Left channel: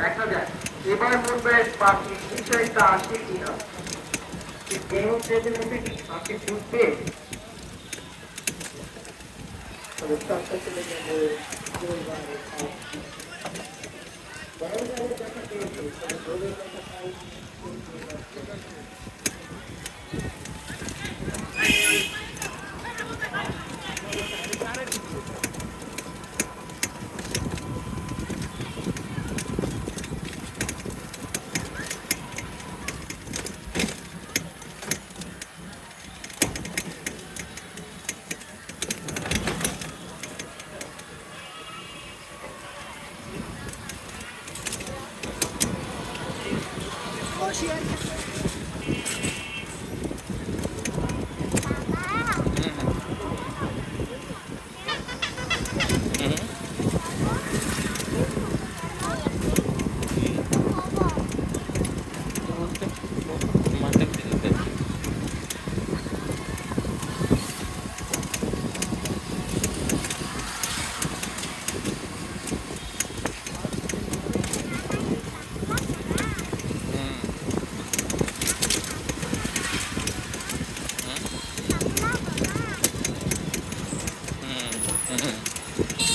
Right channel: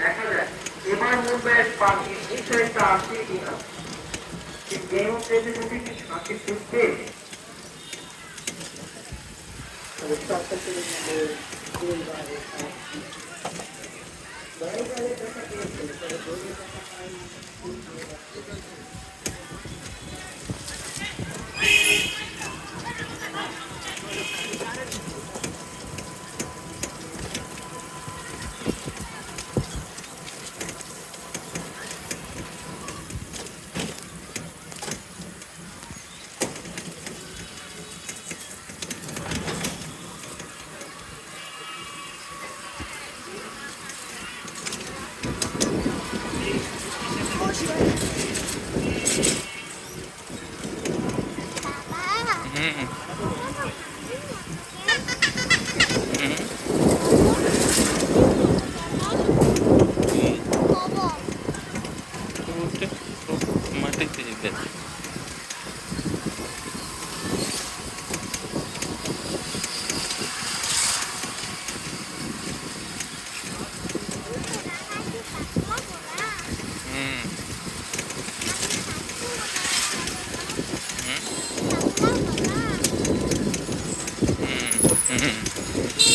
দেখা যায় এবার মুম্বাইয়ের পাখি বিষয়টা আসে কিনা কোনো ট্রেনের মধ্যে কি পাখি ছুটবে তবে সবটা চলে যাবে Mm-hmm. Mm-hmm.